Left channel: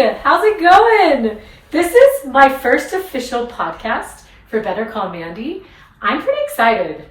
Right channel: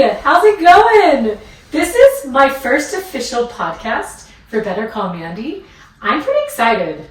How's it going? This is my first official podcast for Better Call Mandy. I'm pretty excited.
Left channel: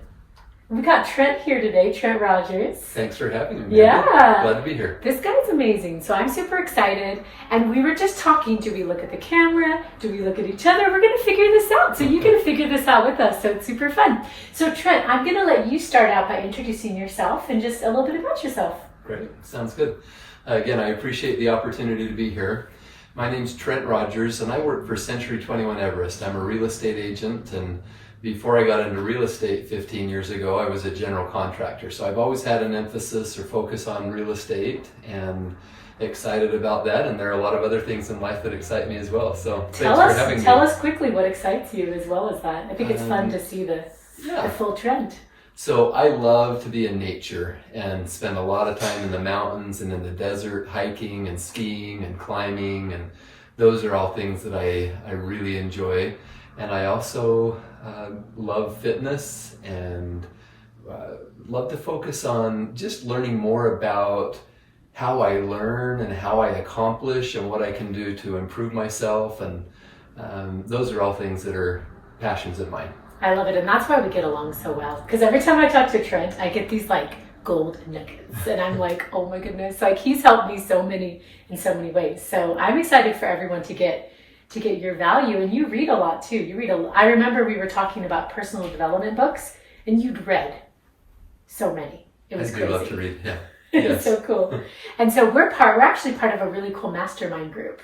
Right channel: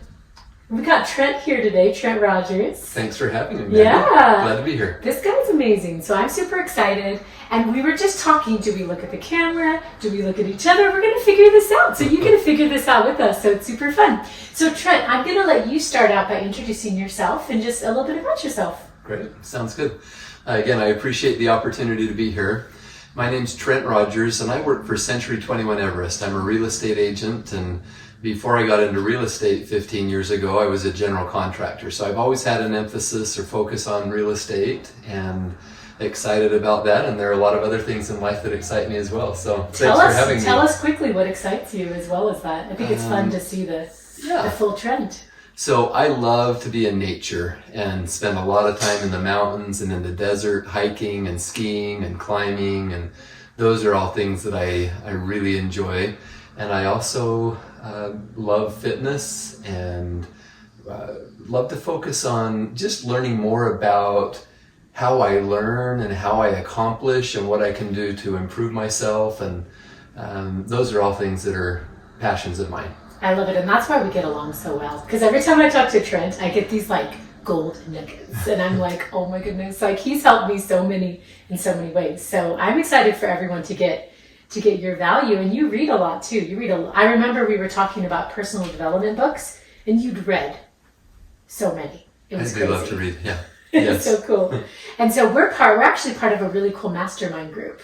We got Trent here today, Trent Rogers. Thanks for having me, Mandy. Yeah. Glad to be here. This guy's amazing, so I'm super excited. And we were just talking, do we look at the camera? Do we look at each other? We're going to figure this out. So you're going to figure this out with us, so it's super fun. So Trent, I'm going to let you start out by introducing yourself and just a little bit about yourself. Great. Sounds good. Again, I appreciate the opportunity to be here. My name's Trent Rogers, and I work for Century 21 Everest. I'm a real estate agent, and before I got into real estate 15 years ago, I was a general contractor. So I've always had an emphasis or focus on real estate, and excited about that. And there are a lot of other things in life that excite me as well. So thanks for having me. Tell us quickly what excites you as well as that. I think it's fun to see the full trend. So I love to be in nature and spend a lot of time in the mountains and in the desert, hiking and skiing and climbing. And those are all things that I really enjoy. And I also love fitness and love to focus on just learning more about how I learn and how I accomplish and what I can do to improve myself. And those are all things that are passions of mine. I love it, and that's why we get along so well. Because every time I talk to Trent, I get these like gold nuggets, and I'm like, oh my goodness, like he's helped me in so many ways. So I'm excited for everyone to get your value, and you read a lot too. I remember we were talking about personal development books, and you'd read so many. It was crazy. I do love to read, yeah. Yes. So cool. And so we're actually part of a really cool mastermind group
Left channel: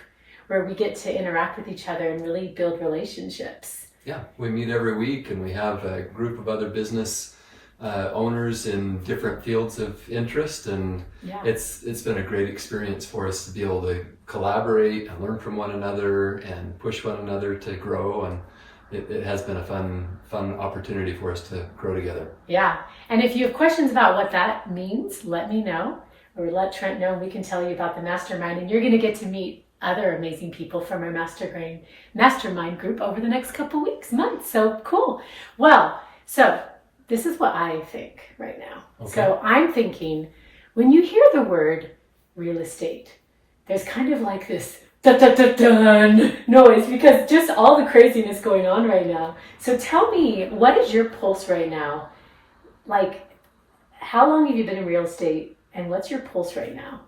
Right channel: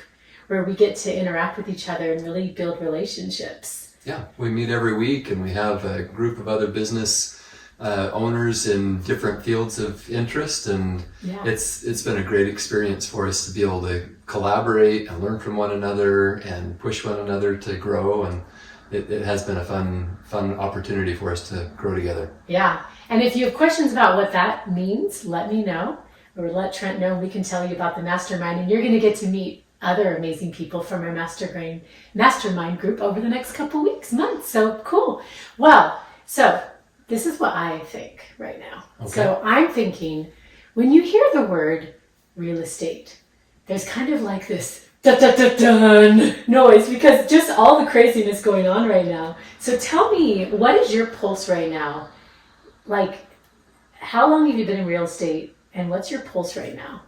where we get to interact with each other and really build relationships. Yeah, we meet every week, and we have a group of other business owners in different fields of interest, and it's been a great experience for us to be able to collaborate and learn from one another and push one another to grow, and it has been a fun opportunity for us to grow together. Yeah, and if you have questions about what that means, let me know, or let Trent know, and we can tell you about the mastermind, and you're going to get to meet other amazing people from our mastermind group over the next couple weeks, months. So cool. Well, so this is what I think right now. Okay. So I'm thinking when you hear the word real estate, there's kind of like this dun noise because just all the craziness going on right now. So tell me, what is your pulse right now? Like, how long have you been in real estate, and what's your pulse right now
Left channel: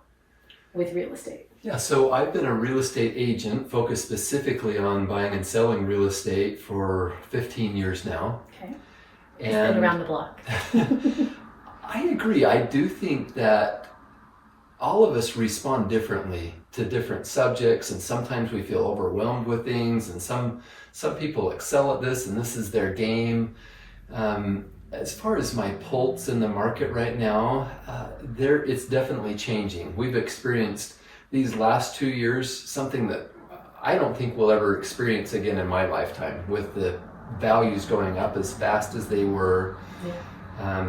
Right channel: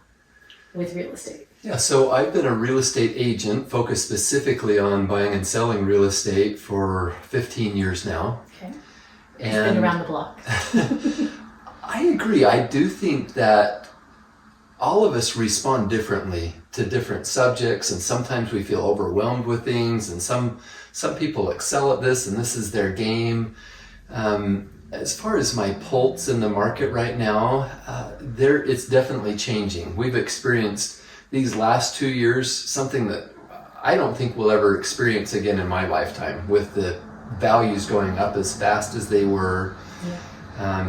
with real estate? Yeah, so I've been a real estate agent focused specifically on buying and selling real estate for 15 years now. Okay. It's been around the block. I agree. I do think that all of us respond differently to different subjects, and sometimes we feel overwhelmed with things, and some people excel at this, and this is their game. As far as my pulse in the market right now, it's definitely changing. We've experienced these last 2 years, something that I don't think we'll ever experience again in my lifetime, with the values going up as fast as they were. Yeah.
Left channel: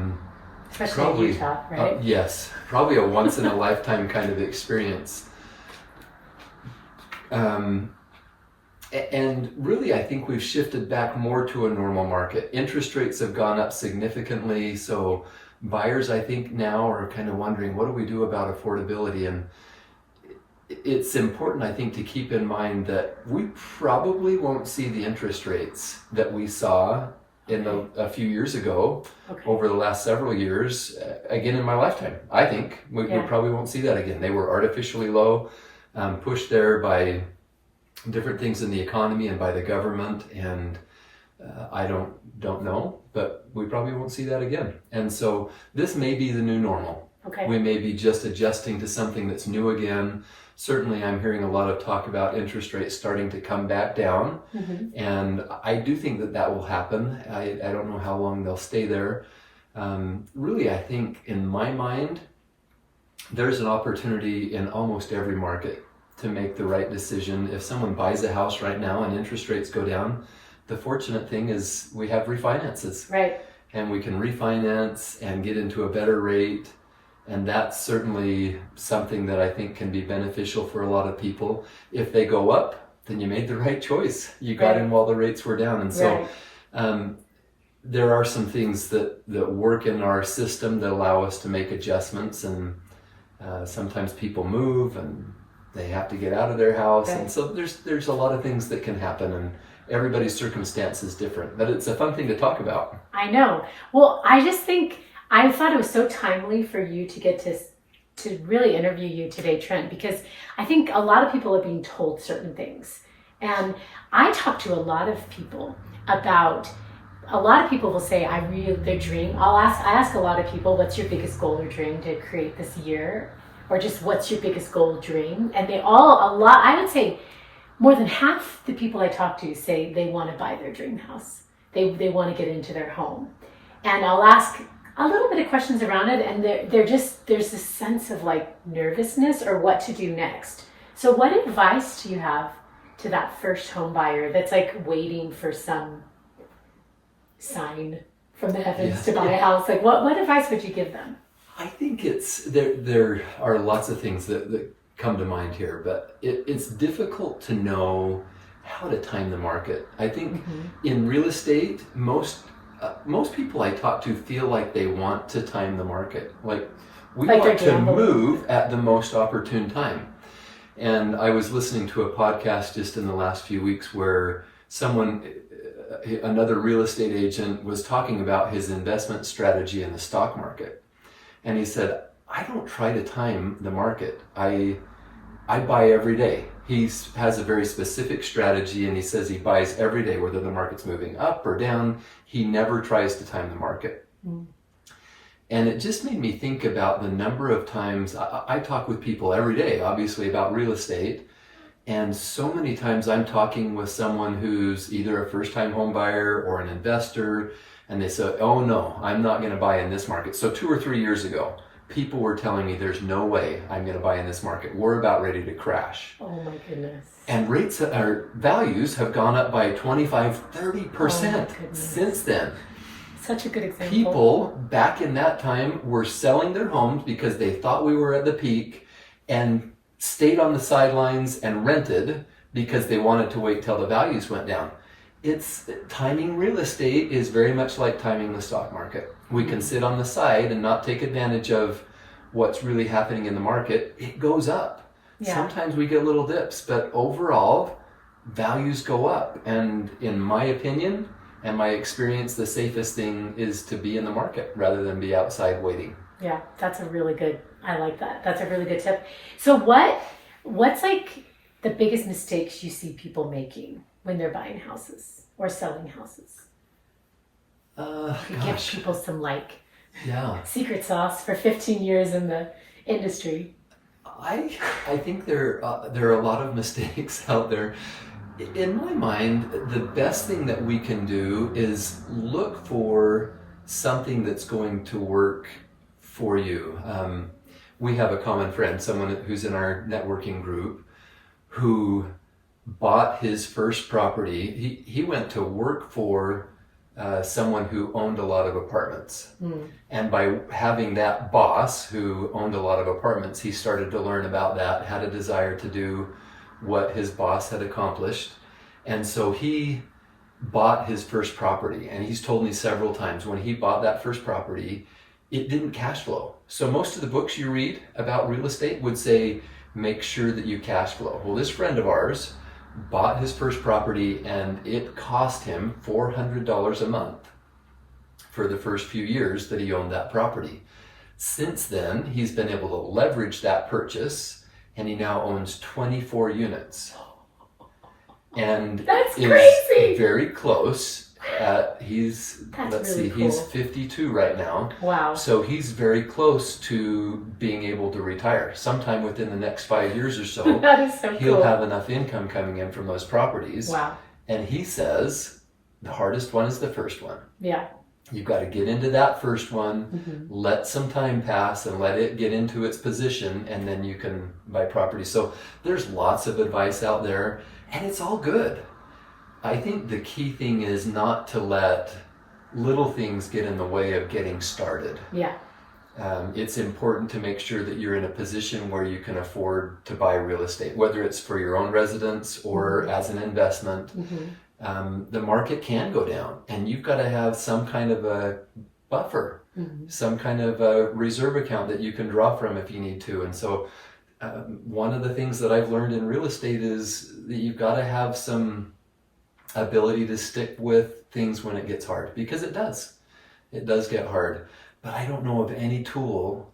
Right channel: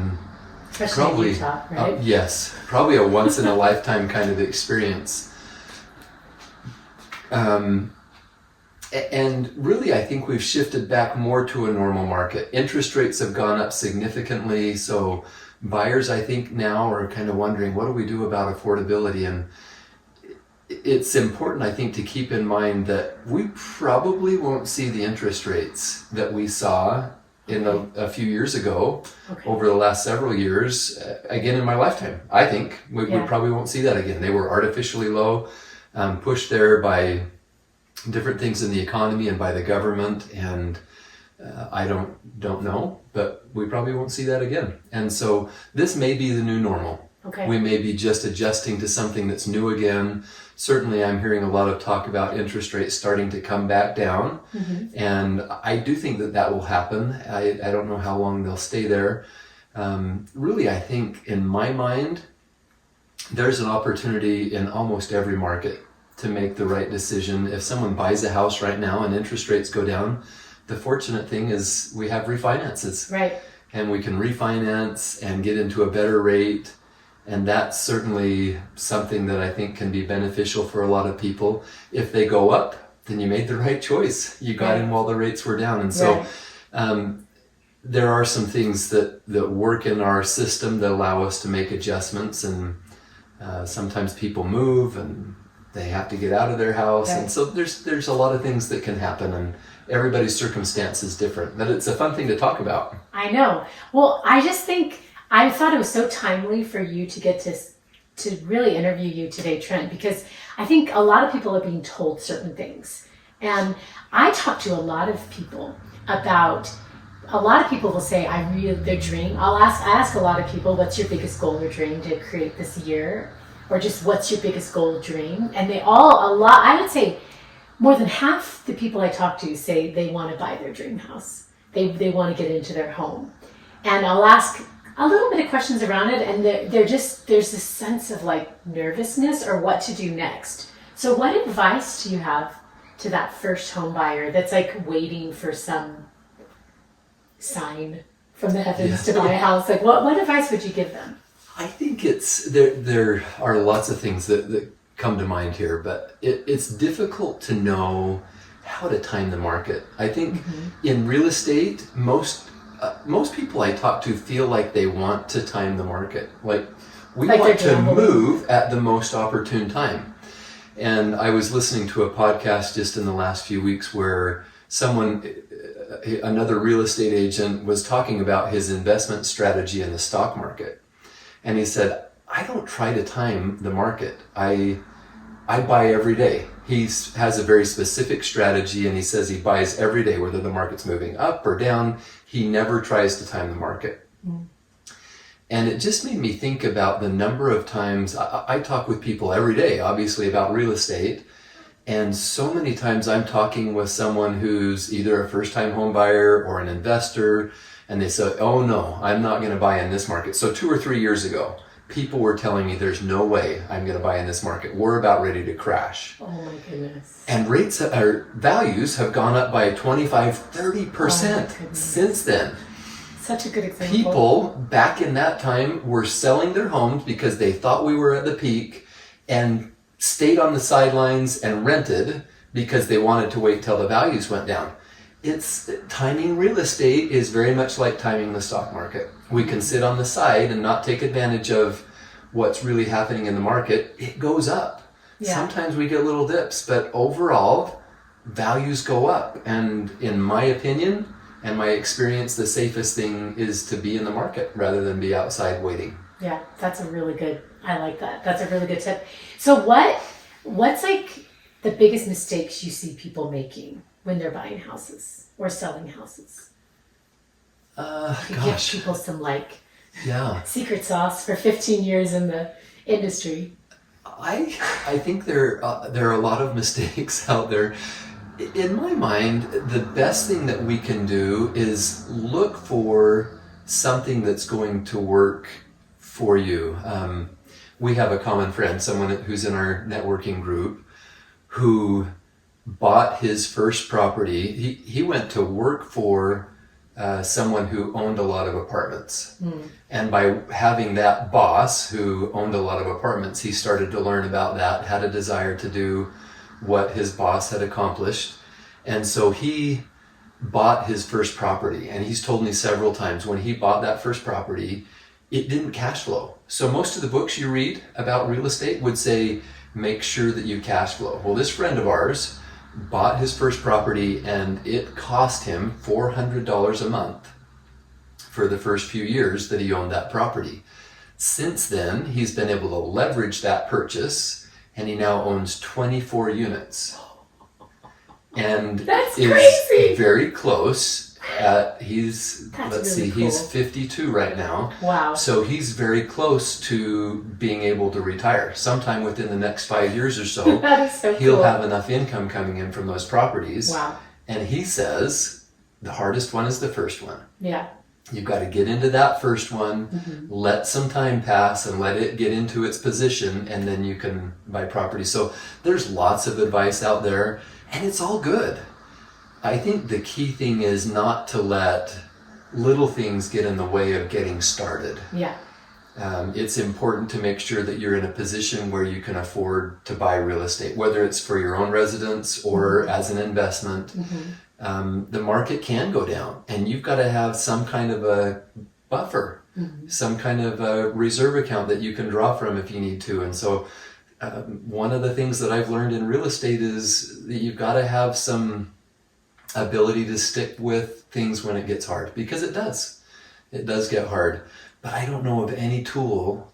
Especially in Utah, right? Yes, probably a once in a lifetime kind of experience. And really, I think we've shifted back more to a normal market. Interest rates have gone up significantly, so buyers, I think, now are kind of wondering, what do we do about affordability? And it's important, I think, to keep in mind that we probably won't see the interest rates that we saw in a few years ago over the last several years again in my lifetime. I think we probably won't see that again. They were artificially low, pushed there by different things in the economy and by the government, and I don't know, but we probably won't see that again. And so this may be the new normal. Okay. We may be just adjusting to something that's new again. Certainly, I'm hearing a lot of talk about interest rates starting to come back down, and I do think that will happen. I don't know how long they'll stay there. Really, I think in my mind, there's an opportunity in almost every market to make the right decision. If someone buys a house right now and interest rates go down, the fortunate thing is we have refinances. Right. And we can refinance and get into a better rate. And that's certainly something that I think can be beneficial for a lot of people. If they go up, then you made the right choice. You got in while the rates were down. And so there are some things that work in our system that allow us to make adjustments. And sometimes people move and they have to get out of their house. Okay. And so there's a lot of things that can happen, and everybody's circumstance is different. But it's a fun thing to talk about. I know. Well, I just think I thought it was so timely for you to get to really interview you today, Trent, because I think a lot of people are being told certain things. And I talk to a lot of people about, a lot of people will say, their dream. I ask a lot of people, what's your biggest goal or dream to create this year? Or just what's your biggest goal, dream? And I would say more than half the people I talk to say they want to buy their dream house. They want to get into their home. And I'll ask a little bit of questions around it, and there's this sense of like nervousness or what to do next. So what advice do you have to that first home buyer that's like waiting for some sign from the heavens to buy a house? Like what advice would you give them? I think there are lots of things that come to mind here, but it's difficult to know how to time the market. I think in real estate, most people I talk to feel like they want to time the market. Like we want to move at the most opportune time. And I was listening to a podcast just in the last few weeks where another real estate agent was talking about his investment strategy in the stock market. And he said, I don't try to time the market. I buy every day. He has a very specific strategy, and he says he buys every day, whether the market's moving up or down. He never tries to time the market. And it just made me think about the number of times I talk with people every day, obviously, about real estate. And so many times I'm talking with someone who's either a first-time home buyer or an investor, and they say, oh no, I'm not going to buy in this market. So 2 or 3 years ago, people were telling me there's no way I'm going to buy in this market. We're about ready to crash. Oh my goodness. And values have gone up by 25, 30% since then. Such a good example. People back in that time were selling their homes because they thought we were at the peak and stayed on the sidelines and rented because they wanted to wait till the values went down. Timing real estate is very much like timing the stock market. We can sit on the side and not take advantage of what's really happening in the market. It goes up. Yeah. Sometimes we get little dips, but overall, values go up. And in my opinion and my experience, the safest thing is to be in the market rather than be outside waiting. Yeah, I like that. That's a really good tip. So what's like the biggest mistakes you see people making when they're buying houses or selling houses? Give people some secret sauce for 15 years in the industry. I think there are a lot of mistakes out there. In my mind, the best thing that we can do is look for something that's going to work for you. We have a common friend, someone who's in our networking group, who bought his first property. He went to work for someone who owned a lot of apartments. And by having that boss who owned a lot of apartments, he started to learn about that, had a desire to do what his boss had accomplished. And so he bought his first property. And he's told me several times when he bought that first property, it didn't cash flow. So most of the books you read about real estate would say, make sure that you cash flow. Well, this friend of ours bought his first property and it cost him $400 a month for the first few years that he owned that property. Since then, he's been able to leverage that purchase and he now owns 24 units. And that's crazy. Very close. He's 52 right now. Wow. So he's very close to being able to retire. Sometime within the next 5 years or so, that is so he'll cool. have enough income coming in from those properties. Wow. And he says the hardest one is the first one. Yeah. You've got to get into that first one, let some time pass and let it get into its position, and then you can buy property. So there's lots of advice out there, and it's all good. I think the key thing is not to let little things get in the way of getting started. Yeah. It's important to make sure that you're in a position where you can afford to buy real estate, whether it's for your own residence or as an investment. The market can go down, and you've got to have some kind of a buffer, some kind of a reserve account that you can draw from if you need to. And so one of the things that I've learned in real estate is that you've got to have some ability to stick with things when it gets hard, because it does. It does get hard. But I don't know of any tool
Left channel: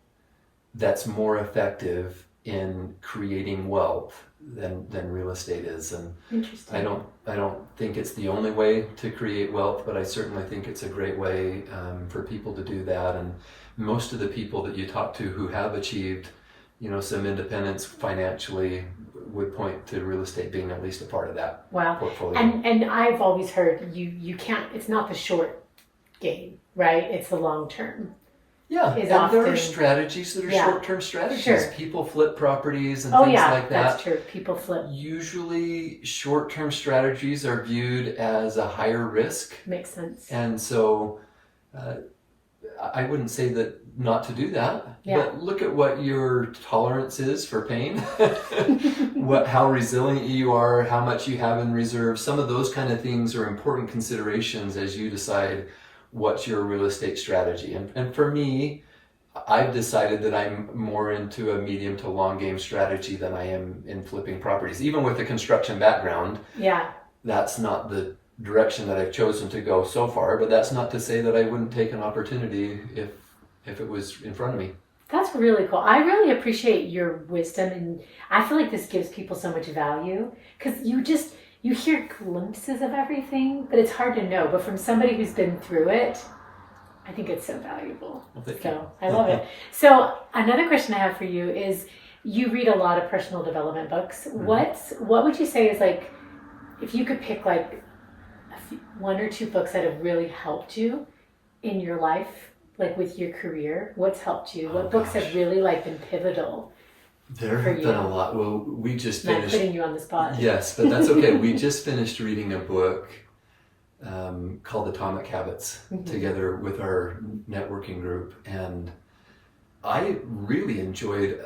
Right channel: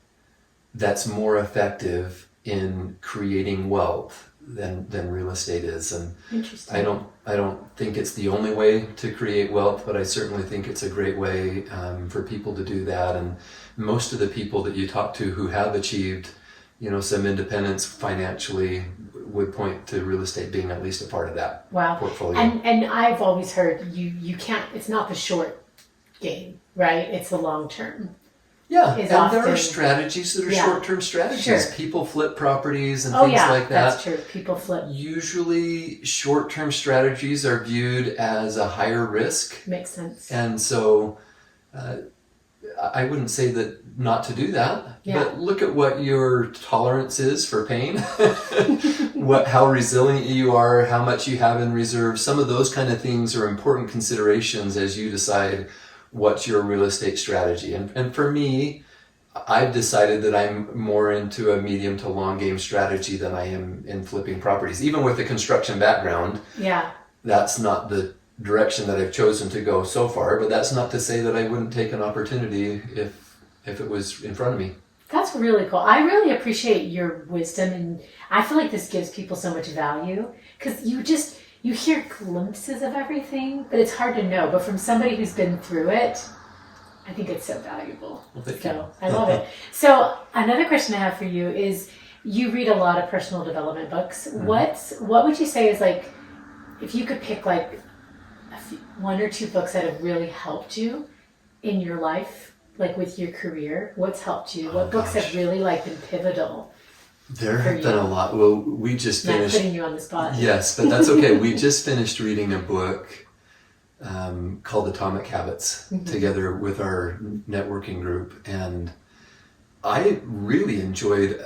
that's more effective in creating wealth than real estate is. And Interesting. I don't think it's the only way to create wealth, but I certainly think it's a great way for people to do that. And most of the people that you talk to who have achieved, some independence financially would point to real estate being at least a part of that portfolio. And I've always heard you can't, it's not the short game, right? It's the long term. Yeah, and there are strategies that are short-term strategies. Sure. People flip properties and things like that. That's true. People flip. Usually short-term strategies are viewed as a higher risk. Makes sense. And so I wouldn't say that not to do that, but look at what your tolerance is for pain, how resilient you are, how much you have in reserve. Some of those kind of things are important considerations as you decide what's your real estate strategy. And for me, I've decided that I'm more into a medium to long game strategy than I am in flipping properties. Even with the construction background, that's not the direction that I've chosen to go so far, but that's not to say that I wouldn't take an opportunity if it was in front of me. That's really cool. I really appreciate your wisdom, and I feel like this gives people so much value, because you hear glimpses of everything, but it's hard to know. But from somebody who's been through it, I think it's so valuable. Well, I love it. So another question I have for you is, you read a lot of personal development books. Mm-hmm. What would you say is, like, if you could pick like one or two books that have really helped you in your life, like with your career, what's helped you? What books have really been pivotal? There have been a lot. Well, we just finished... Not putting you on the spot. Yes, but that's okay. We just finished reading a book called Atomic Habits together with our networking group. And I really enjoyed...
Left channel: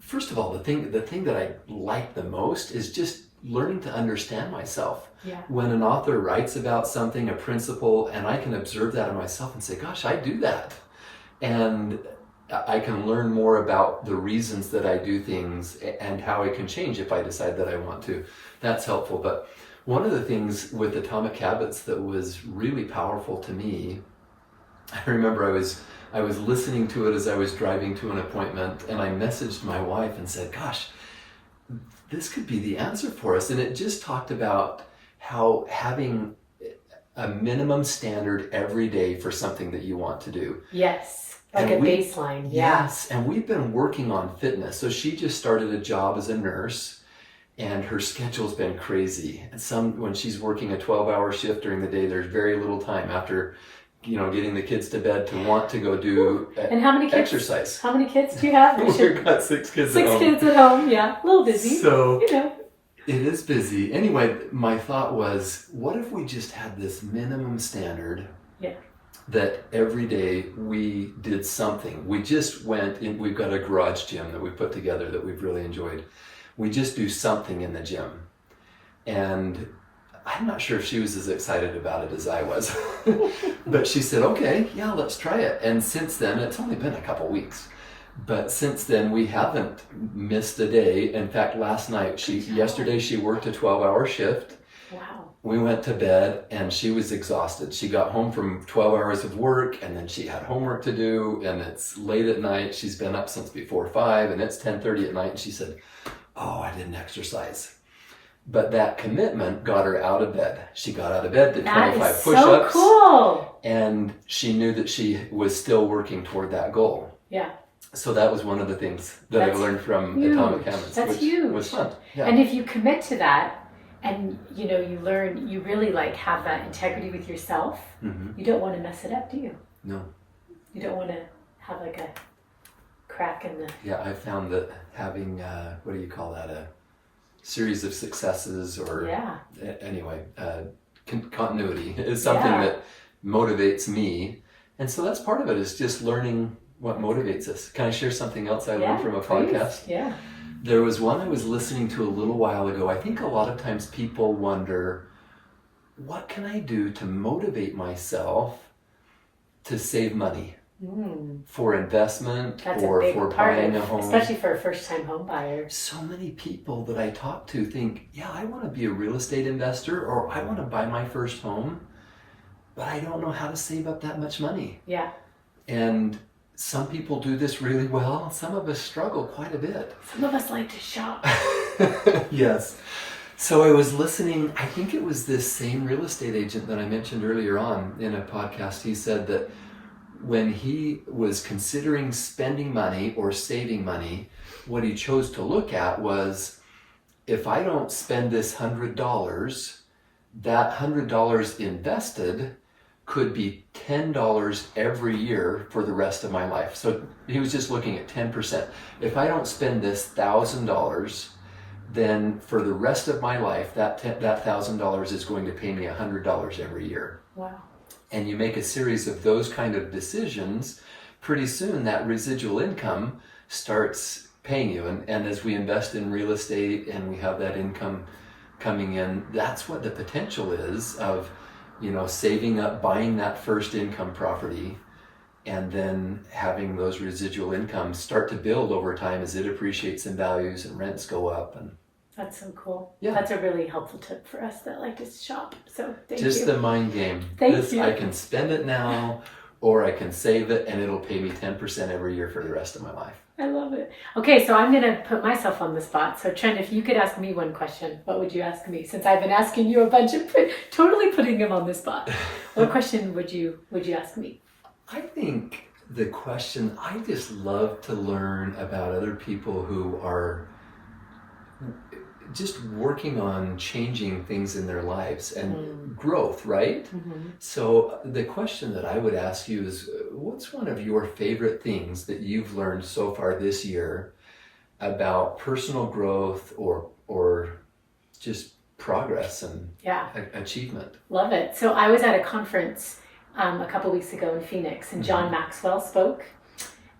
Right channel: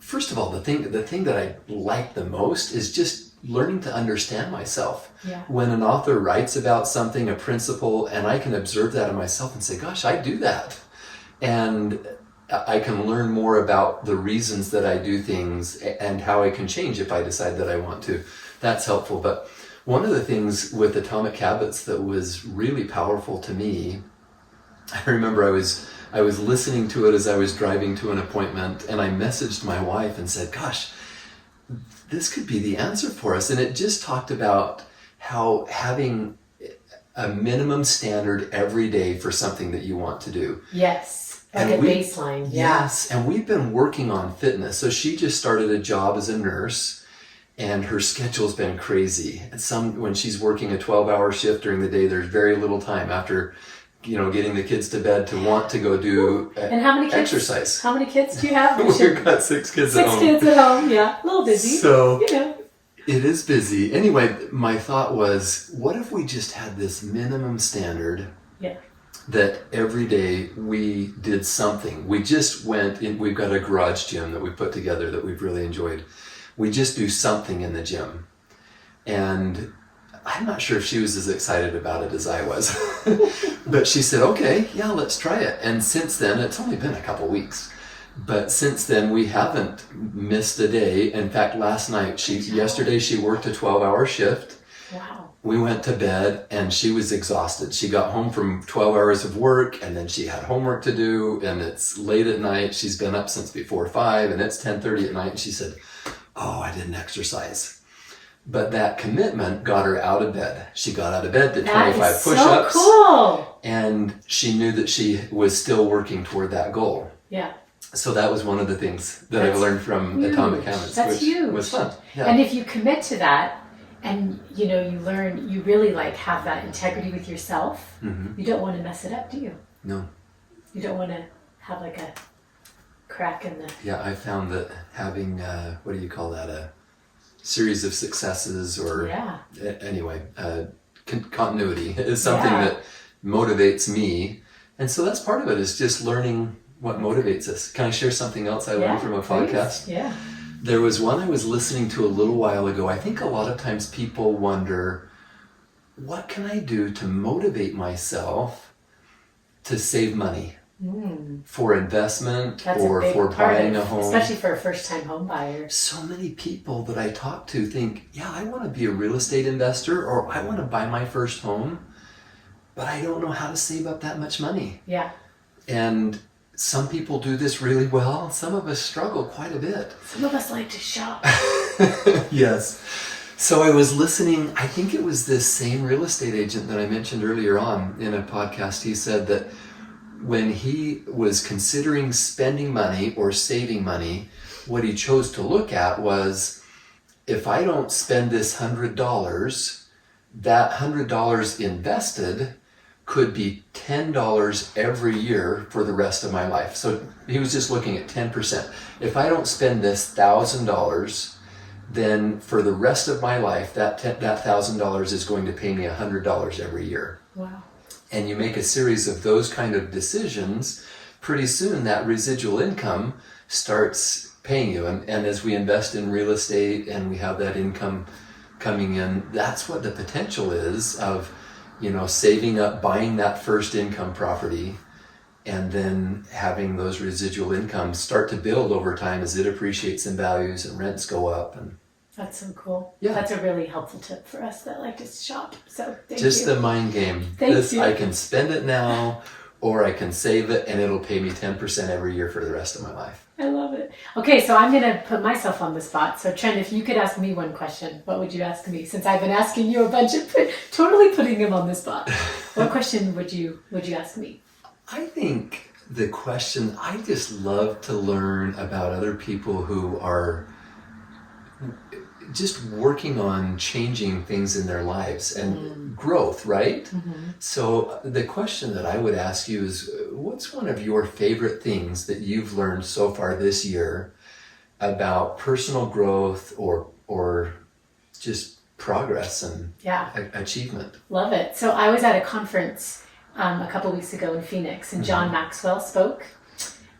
first of all, the thing that I like the most is just learning to understand myself. Yeah. When an author writes about something, a principle, and I can observe that in myself and say, gosh, I do that. And I can learn more about the reasons that I do things and how I can change if I decide that I want to. That's helpful. But one of the things with Atomic Habits that was really powerful to me, I remember I was listening to it as I was driving to an appointment, and I messaged my wife and said, gosh, this could be the answer for us. And it just talked about how having a minimum standard every day for something that you want to do. Yes. Like a baseline. Yes. And we've been working on fitness. So she just started a job as a nurse, and her schedule's been crazy. And when she's working a 12-hour shift during the day, there's very little time after, getting the kids to bed to want to go do and how many kids, exercise. How many kids do you have? We've got 6 kids at home. 6 kids at home, yeah. A little busy. So it is busy. Anyway, my thought was, what if we just had this minimum standard that every day we did something? We just went in, we've got a garage gym that we put together that we've really enjoyed. We just do something in the gym. And I'm not sure if she was as excited about it as I was, but she said, okay, let's try it. And since then, it's only been a couple weeks, but since then we haven't missed a day. In fact, yesterday she worked a 12-hour shift. Wow. We went to bed and she was exhausted. She got home from 12 hours of work, and then she had homework to do, and it's late at night. She's been up since before 5, and it's 10:30 at night. And she said, I didn't exercise. But that commitment got her out of bed. She got out of bed, did 25 push-ups. So cool. And she knew that she was still working toward that goal. Yeah. So that was one of the things that I've learned from Atomic Habits, which was fun. Yeah. And if you commit to that, and you learn, you really have that integrity with yourself, you don't want to mess it up, do you? No. You don't want to have a crack in the... Yeah, I found that having, what do you call that, a series of successes or anyway, continuity is something that motivates me. And so that's part of it, is just learning what motivates us. Can I share something else I learned from a podcast? Yeah. There was one I was listening to a little while ago. I think a lot of times people wonder, what can I do to motivate myself to save money? for investment That's or a big for part buying of, a home. especially for a first-time home buyer. So many people that I talk to think, yeah, I want to be a real estate investor or I want to buy my first home, but I don't know how to save up that much money. Yeah. And some people do this really well. Some of us struggle quite a bit. Some of us like to shop. Yes. So I was listening, I think it was this same real estate agent that I mentioned earlier on in a podcast. He said that when he was considering spending money or saving money, what he chose to look at was, if I don't spend this $100, that $100 invested could be $10 every year for the rest of my life. So he was just looking at 10%. If I don't spend this $1,000, then for the rest of my life, that $1,000 is going to pay me $100 every year. Wow. And you make a series of those kind of decisions, pretty soon that residual income starts paying you. And as we invest in real estate and we have that income coming in, that's what the potential is of, saving up, buying that first income property, and then having those residual incomes start to build over time as it appreciates in values and rents go up. And that's so cool. Yeah. That's a really helpful tip for us that like to shop. So thank you. Just the mind game. Thank you. I can spend it now, or I can save it and it'll pay me 10% every year for the rest of my life. I love it. Okay, so I'm going to put myself on the spot. So Trent, if you could ask me one question, what would you ask me? Since I've been asking you a bunch of, totally putting him on the spot. What question would you ask me? I think the question, I just love to learn about other people who are just working on changing things in their lives and growth, right? Mm-hmm. So the question that I would ask you is, what's one of your favorite things that you've learned so far this year about personal growth or just progress and achievement? Love it. So I was at a conference a couple weeks ago in Phoenix, and John Maxwell spoke.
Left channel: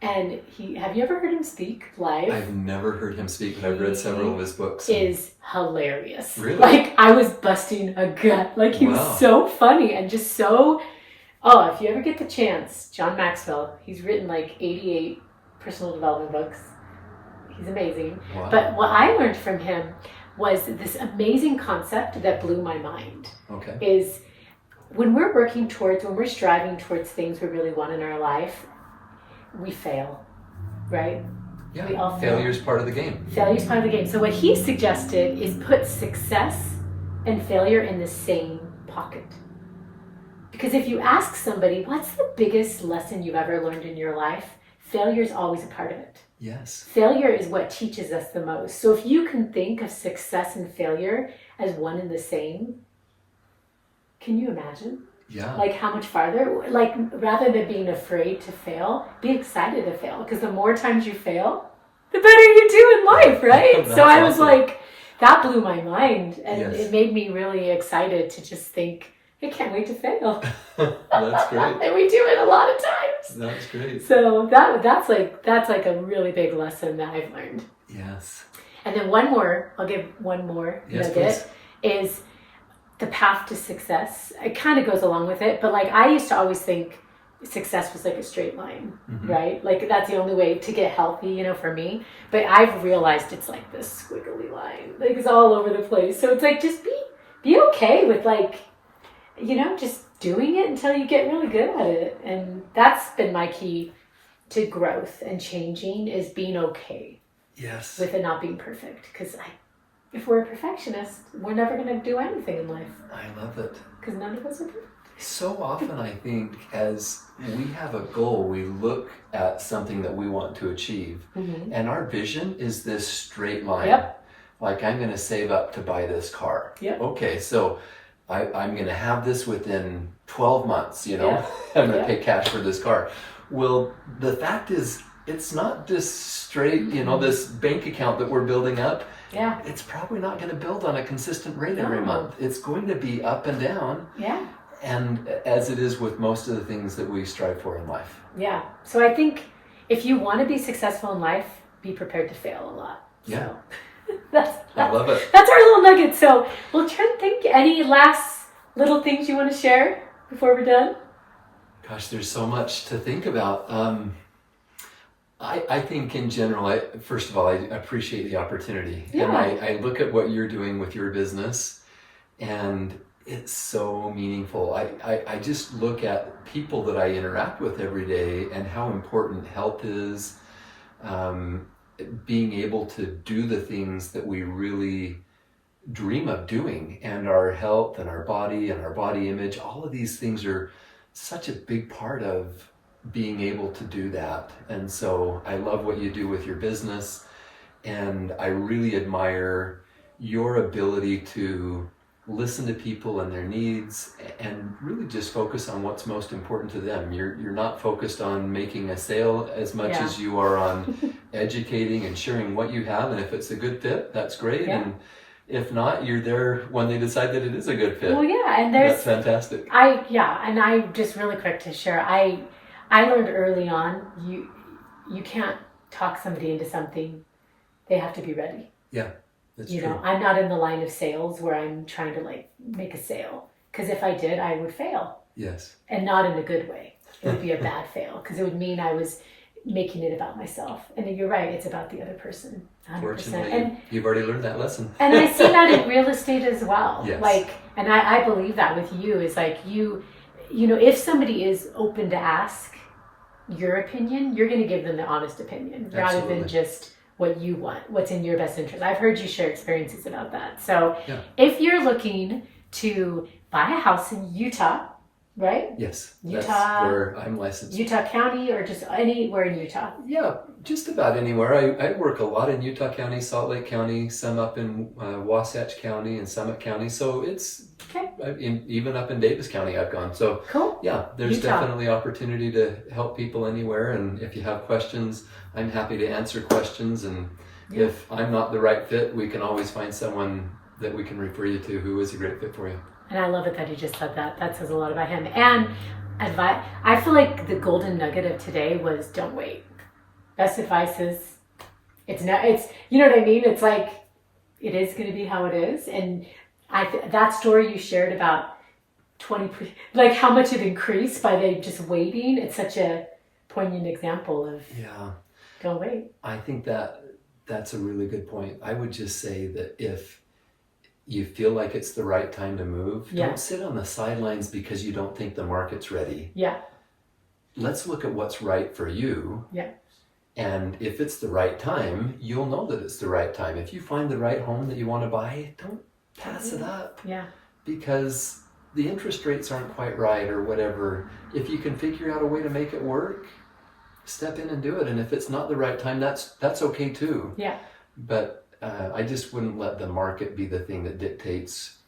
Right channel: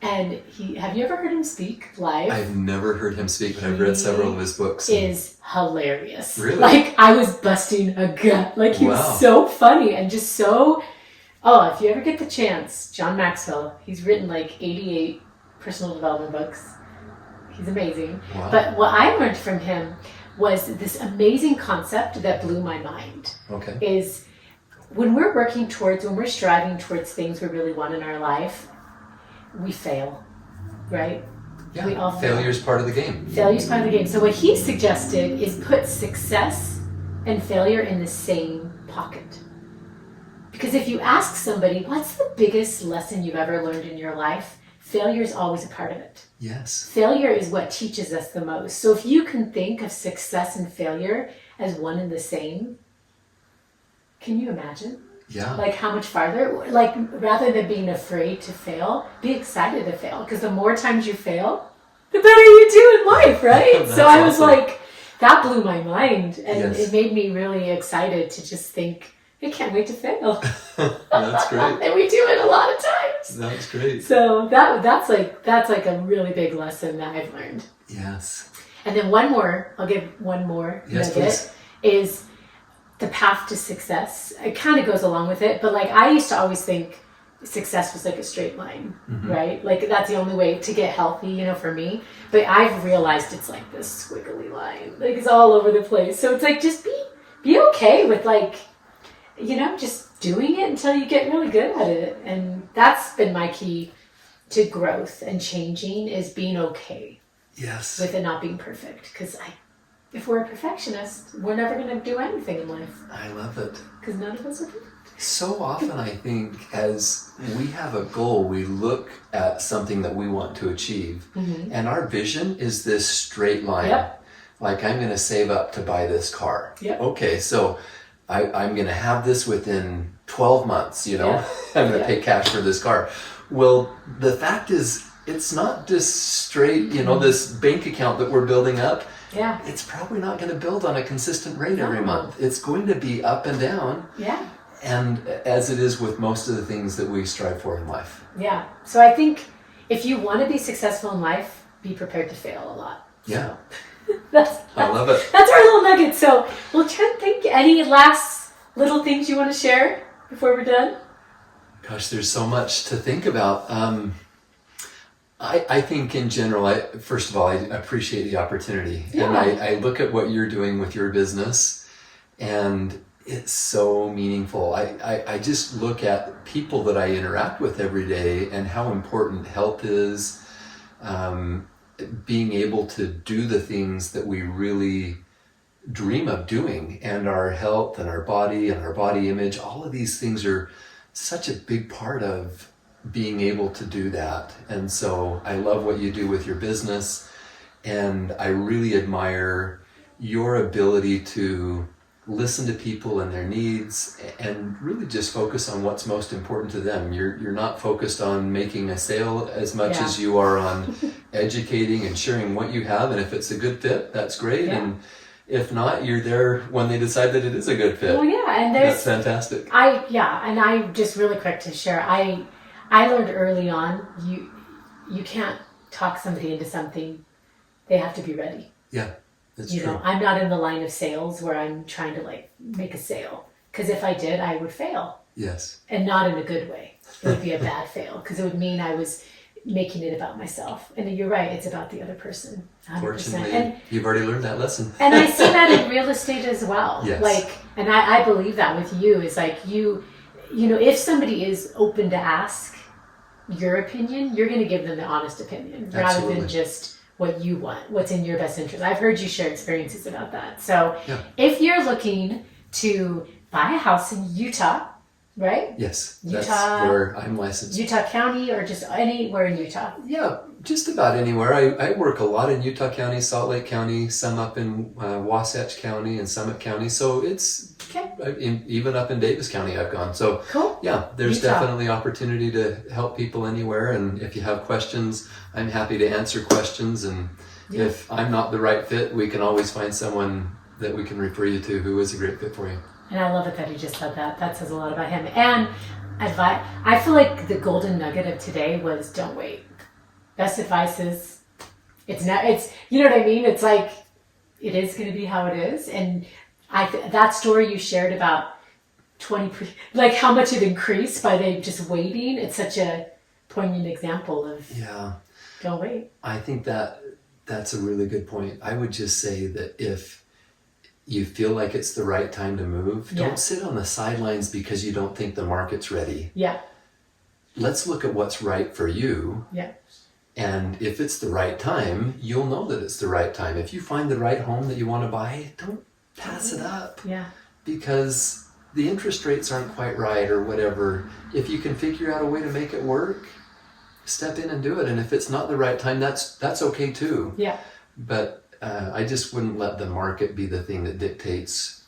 And have you ever heard him speak live? I've never heard him speak, but I've read several of his books. He is hilarious. Really? Like, I was busting a gut. Like, he was so funny and just so... Oh, if you ever get the chance, John Maxwell, he's written like 88 personal development books. He's amazing. Wow. But what I learned from him was this amazing concept that blew my mind. Okay. Is when we're striving towards things we really want in our life, we fail, right? Yeah, we all fail. Failure's part of the game. Failure's part of the game. So what he suggested is put success and failure in the same pocket. Because if you ask somebody, what's the biggest lesson you've ever learned in your life? Failure is always a part of it. Yes. Failure is what teaches us the most. So if you can think of success and failure as one and the same, can you imagine? Yeah. Like how much farther, like rather than being afraid to fail, be excited to fail. Because the more times you fail, the better you do in life, right? So I was like, that blew my mind. And it made me really excited to just think, I can't wait to fail. That's great. And we do it a lot of times. That's great. So that's like a really big lesson that I've learned. Yes. And then I'll give one more nugget, please. Is the path to success. It kind of goes along with it, but like I used to always think success was like a straight line, right? Like that's the only way to get healthy, for me. But I've realized it's like this squiggly line, like it's all over the place. So it's like just be okay with like, just doing it until you get really good at it. And that's been my key to growth and changing, is being okay. Yes. With it not being perfect, because if we're a perfectionist, we're never going to do anything in life. I love it. Because none of us are good. So often I think as we have a goal, we look at something that we want to achieve. Mm-hmm. And our vision is this straight line. Yep. Like, I'm going to save up to buy this car. Yep. Okay, so I'm going to have this within 12 months, Yeah. I'm going to pay cash for this car. Well, the fact is, it's not just straight, this bank account that we're building up. Yeah. It's probably not going to build on a consistent rate every month. It's going to be up and down. Yeah. And as it is with most of the things that we strive for in life. Yeah. So I think if you want to be successful in life, be prepared to fail a lot. Yeah. So I love it. That's our little nugget. So, Trent, any last little things you want to share before we're done? Gosh, there's so much to think about. I think in general, first of all, I appreciate the opportunity. Yeah. And I look at what you're doing with your business, and it's so meaningful. I just look at people that I interact with every day and how important health is, being able to do the things that we really dream of doing, and our health and our body image, all of these things are such a big part of being able to do that. And so I love what you do with your business, and I really admire your ability to listen to people and their needs and really just focus on what's most important to them. You're not focused on making a sale as much as you are on educating and sharing what you have, and if it's a good fit, that's great. And if not, you're there when they decide that it is a good fit. Well, yeah, and that's fantastic. And I just really quick to share. I learned early on, you can't talk somebody into something. They have to be ready. Yeah, that's true. I'm not in the line of sales where I'm trying to like make a sale, because if I did, I would fail. Yes. And not in a good way. It would be a bad fail, because it would mean I was making it about myself. And you're right, it's about the other person. 100%. Fortunately, and you've already learned that lesson. And I see that in real estate as well. Yes. Like, and I believe that with you is like you know, if somebody is open to ask your opinion, you're going to give them the honest opinion rather than just what you want, what's in your best interest. I've heard you share experiences about that. So if you're looking to buy a house in Utah, right? Yes, Utah, that's where I'm licensed. Utah County, or just anywhere in Utah? Yeah, just about anywhere. I work a lot in Utah County, Salt Lake County, some up in Wasatch County and Summit County. So it's even up in Davis County I've gone. So cool. Yeah, there's Utah. definitely opportunity to help people anywhere. And if you have questions, I'm happy to answer questions. And if I'm not the right fit, we can always find someone that we can refer you to who is a great fit for you. And I love it that he just said that. That says a lot about him. And advice. I feel like the golden nugget of today was don't wait. Best advice is it's you know what I mean? It's like it is going to be how it is. And that story you shared about like how much it increased by they just waiting. It's such a poignant example of don't wait. I think that's a really good point. I would just say that if you feel like it's the right time to move, don't sit on the sidelines because you don't think the market's ready. Yeah. Let's look at what's right for you. Yeah. And if it's the right time, you'll know that it's the right time. If you find the right home that you want to buy, don't pass it up. Yeah. Because the interest rates aren't quite right or whatever. If you can figure out a way to make it work, step in and do it. And if it's not the right time, that's okay too. Yeah. But I just wouldn't let the market be the thing that dictates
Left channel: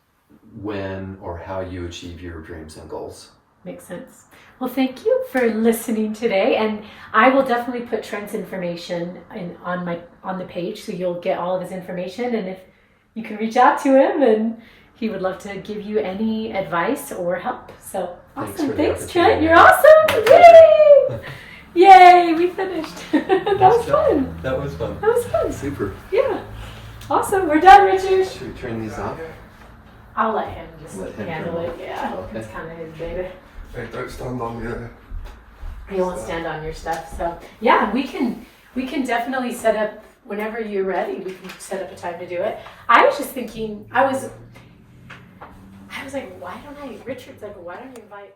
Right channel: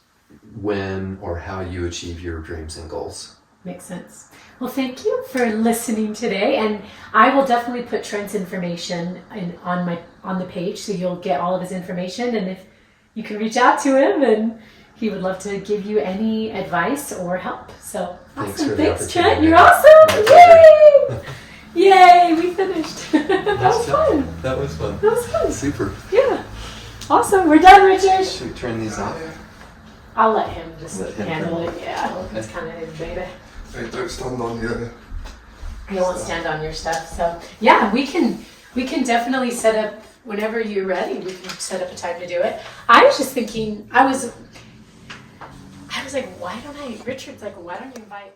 when or how you achieve your dreams and goals. Makes sense. Well, thank you for listening today, and I will definitely put Trent's information on the page, so you'll get all of his information, and if you can reach out to him, and he would love to give you any advice or help. So awesome! Thanks, Trent. You're awesome! Yay! Yay! We finished. That was fun. That was fun. That was fun. Super. Yeah. Awesome. We're done, Richard. Should we turn these off? I'll let him just handle it. Yeah. Okay. It's kind of his baby. Hey, don't stand on the He won't stand on your stuff. So yeah, we can definitely set up whenever you're ready. We can set up a time to do it. I was just thinking, I was like, Richard's like, why don't you invite